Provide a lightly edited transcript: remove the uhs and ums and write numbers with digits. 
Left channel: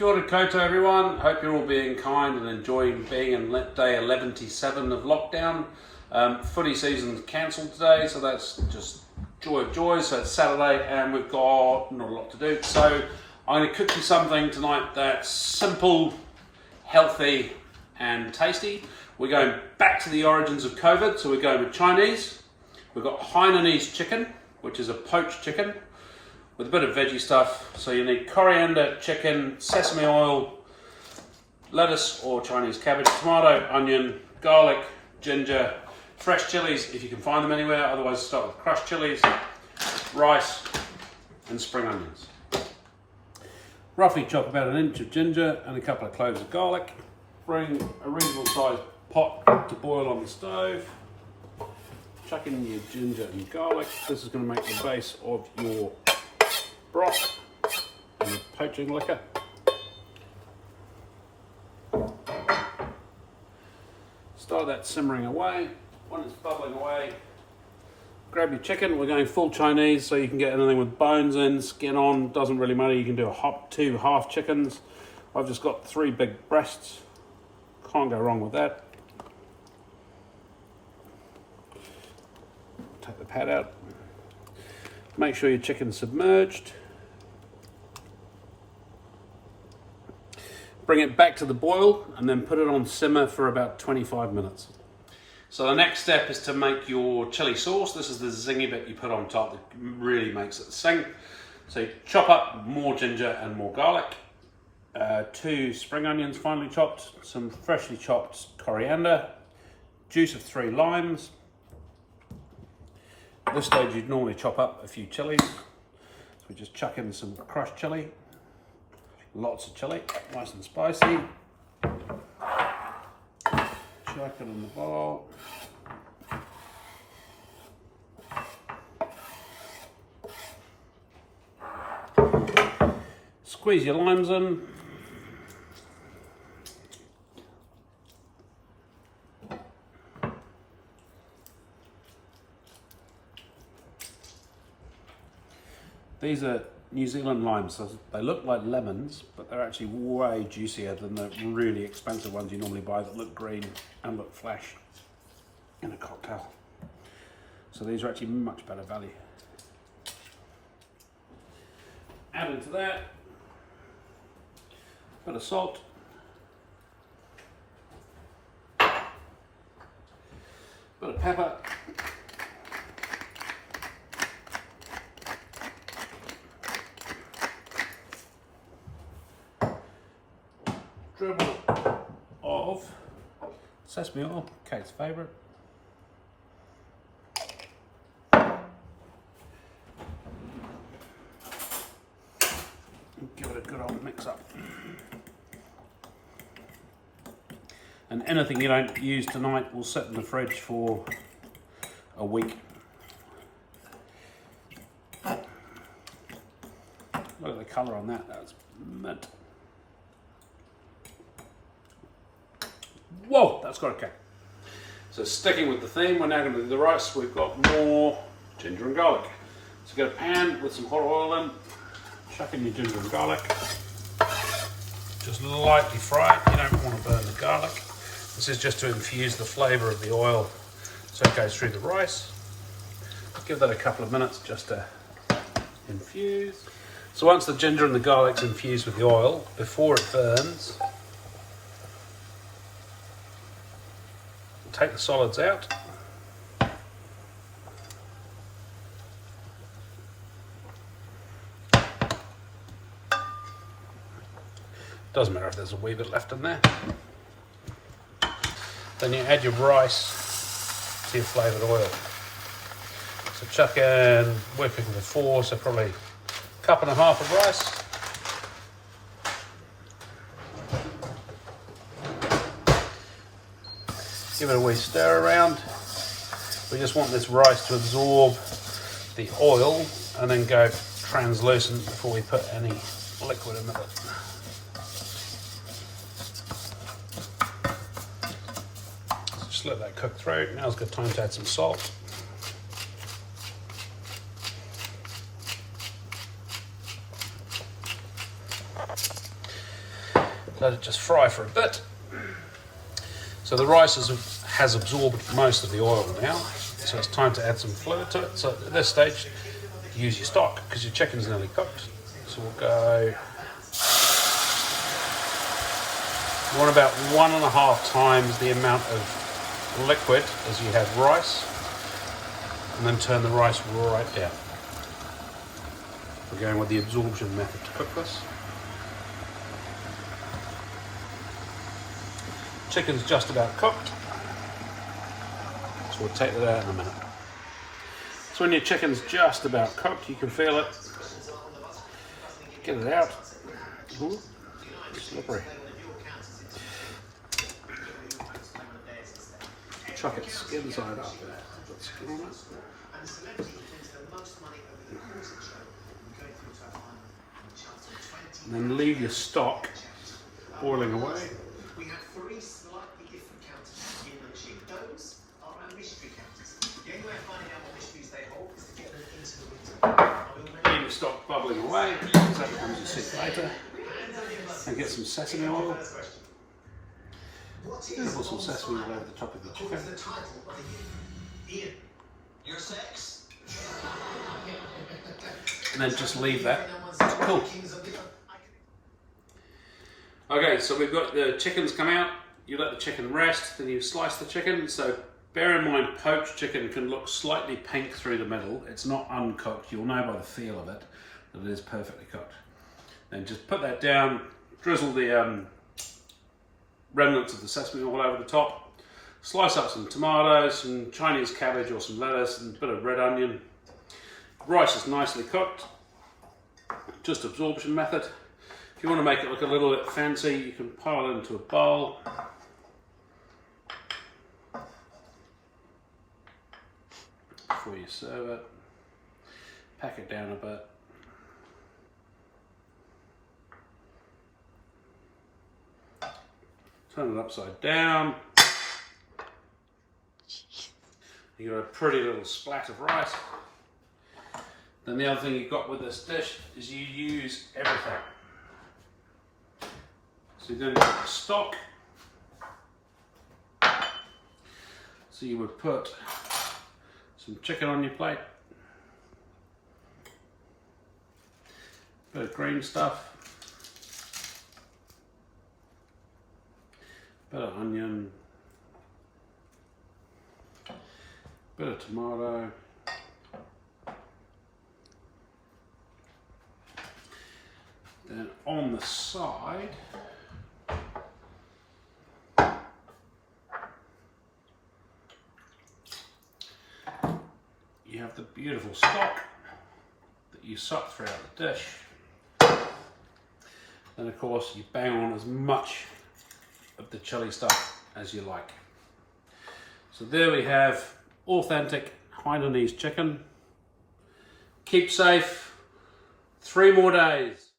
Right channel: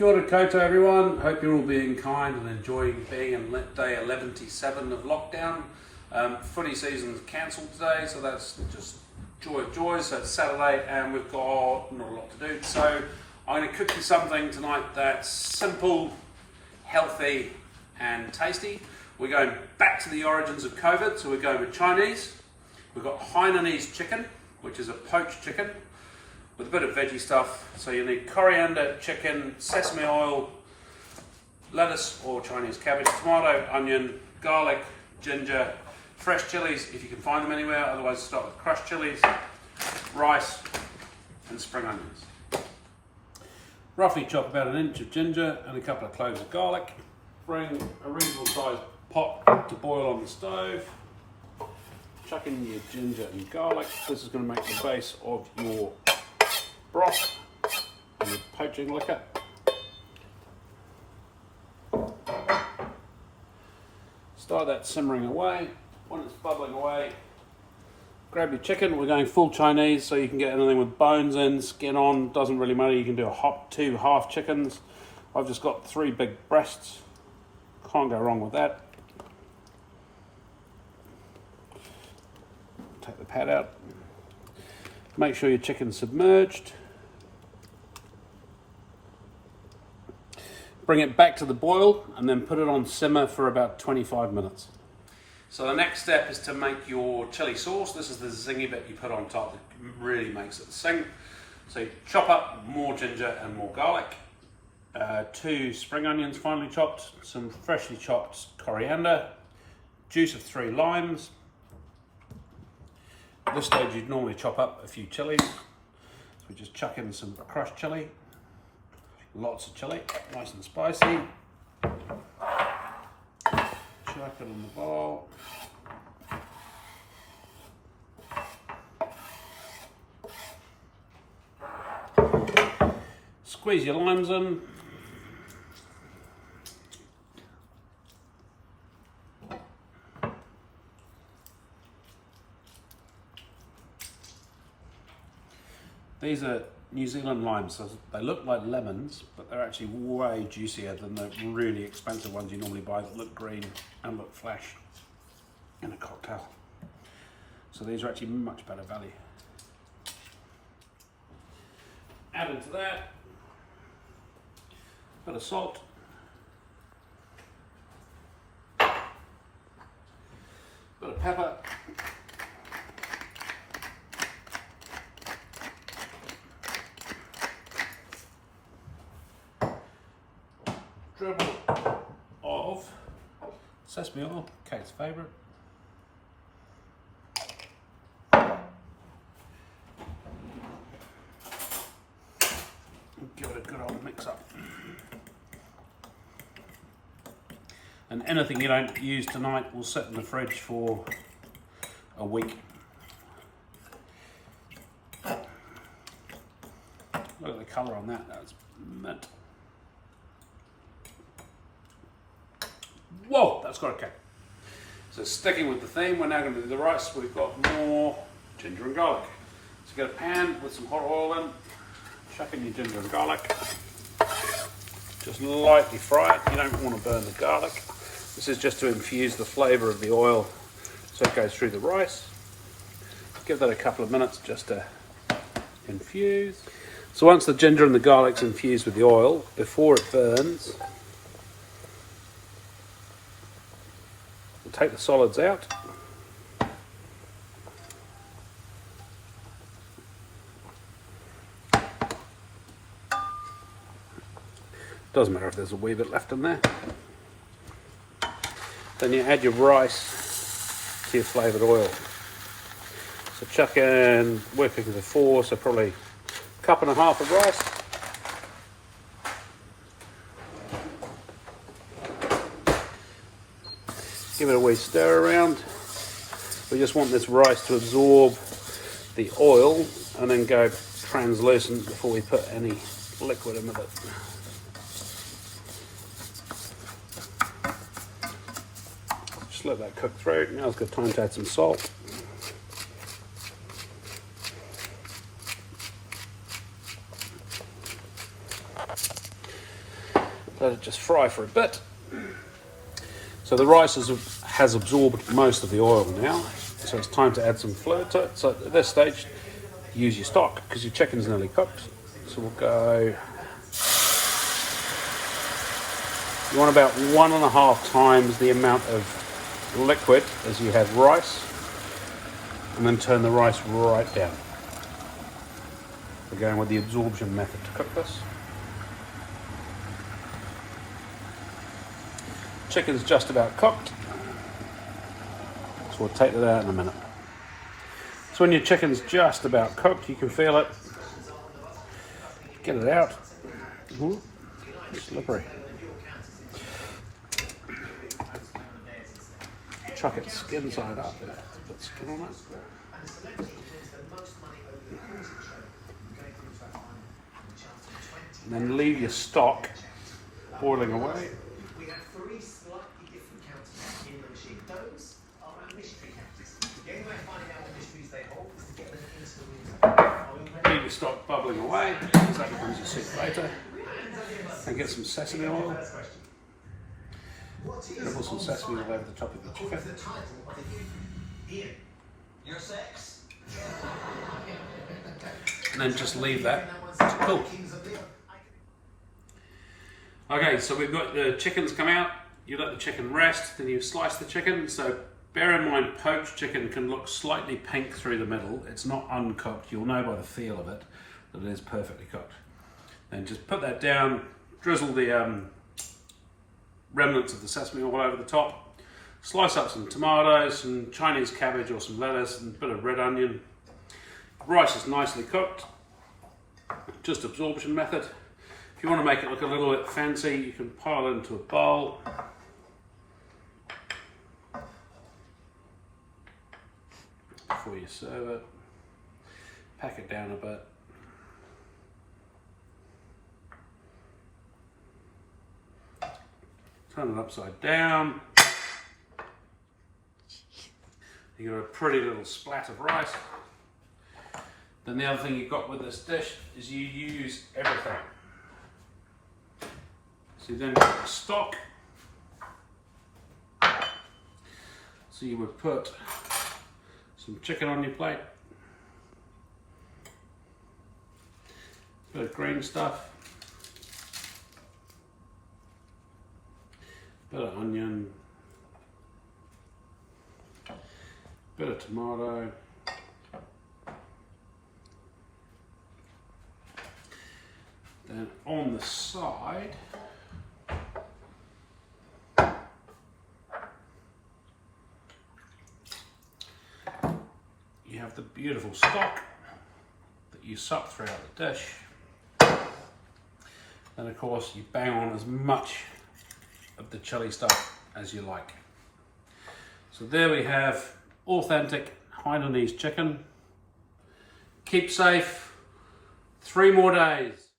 Kia ora koutou everyone, hope you're all being kind and enjoying being in day 11-7 of lockdown. Footy season's cancelled today, so that's just joy of joys. So it's Saturday and we've got not a lot to do. So I'm going to cook you something tonight that's simple, healthy and tasty. We're going back to the origins of COVID, so we're going with Chinese. We've got Hainanese chicken, which is a poached chicken, with a bit of veggie stuff. So you need coriander, chicken, sesame oil, lettuce or Chinese cabbage, tomato, onion, garlic, ginger, fresh chilies if you can find them anywhere, otherwise start with crushed chilies, rice and spring onions. Roughly chop about an inch of ginger and a couple of cloves of garlic. Bring a reasonable sized pot to boil on the stove. Chuck in your ginger and garlic. This is going to make the base of your broth and your poaching liquor. Start that simmering away. When it's bubbling away, grab your chicken. We're going full Chinese, so you can get anything with bones in, skin on, doesn't really matter. You can do two half chickens. I've just got 3 big breasts. Can't go wrong with that. Take the pad out. Make sure your chicken's submerged. Bring it back to the boil and then put it on simmer for about 25 minutes. So the next step is to make your chili sauce. This is the zingy bit you put on top that really makes it sing. So you chop up more ginger and more garlic, 2 spring onions finely chopped, some freshly chopped coriander, juice of 3 limes. At this stage you'd normally chop up a few chilies. So we just chuck in some crushed chili. Lots of chili, nice and spicy. Chuck it in the bowl. Squeeze your limes in. These are New Zealand limes, so they look like lemons, but they're actually way juicier than the really expensive ones you normally buy that look green and look flash in a cocktail. So these are actually much better value. Add into that a bit of salt, a bit of pepper, dribble of sesame oil, Kate's favourite. Give it a good old mix up. And anything you don't use tonight will sit in the fridge for a week. Look at the colour on that, that's mint. Whoa, that's got a kick. So sticking with the theme, we're now going to do the rice. We've got more ginger and garlic. So get a pan with some hot oil in, chuck in your ginger and garlic. Just lightly fry it, you don't want to burn the garlic. This is just to infuse the flavour of the oil so it goes through the rice. Give that a couple of minutes just to infuse. So once the ginger and the garlic's infused with the oil, before it burns, take the solids out. Doesn't matter if there's a wee bit left in there. Then you add your rice to your flavoured oil. So chuck in, we're cooking for 4, so probably a cup and a half of rice. Give it a wee stir around. We just want this rice to absorb the oil and then go translucent before we put any liquid in with it. Just let that cook through. Now's a good time to add some salt. Let it just fry for a bit. So the rice has absorbed most of the oil now, so it's time to add some fluid to it. So at this stage, use your stock because your chicken's nearly cooked. So we'll go, you want about 1.5 times the amount of liquid as you have rice, and then turn the rice right down. We're going with the absorption method to cook this. Chicken's just about cooked, so we'll take that out in a minute. So when your chicken's just about cooked, you can feel it. Get it out. Ooh, slippery. Chuck its skin side up. Skin on it. And then leave your stock boiling away. We have 3 slightly different counters in the machine. Those are our mystery counters. The only way of finding out what mysteries they hold is to get them into the window. Leave your stock bubbling away, because that becomes your soup later. And get some sesame oil. You're gonna put some sesame oil over the top of your chicken. And then just leave that to cool. Okay, so we've got the chickens come out. You let the chicken rest, then you slice the chicken. So bear in mind, poached chicken can look slightly pink through the middle. It's not uncooked. You'll know by the feel of it that it is perfectly cooked. Then just put that down, drizzle the remnants of the sesame oil over the top, slice up some tomatoes, some Chinese cabbage or some lettuce, and a bit of red onion. Rice is nicely cooked, just absorption method. If you want to make it look a little bit fancy, you can pile it into a bowl. Before you serve it, pack it down a bit. Turn it upside down. You got a pretty little splat of rice. Then the other thing you've got with this dish is you use everything. So you then get the stock. So you would put some chicken on your plate, bit of green stuff, bit of onion, bit of tomato, then on the side you have the beautiful stock that you suck throughout the dish. Then of course you bang on as much of the chili stuff as you like. So there we have authentic Hainanese chicken. Keep safe. 3 more days.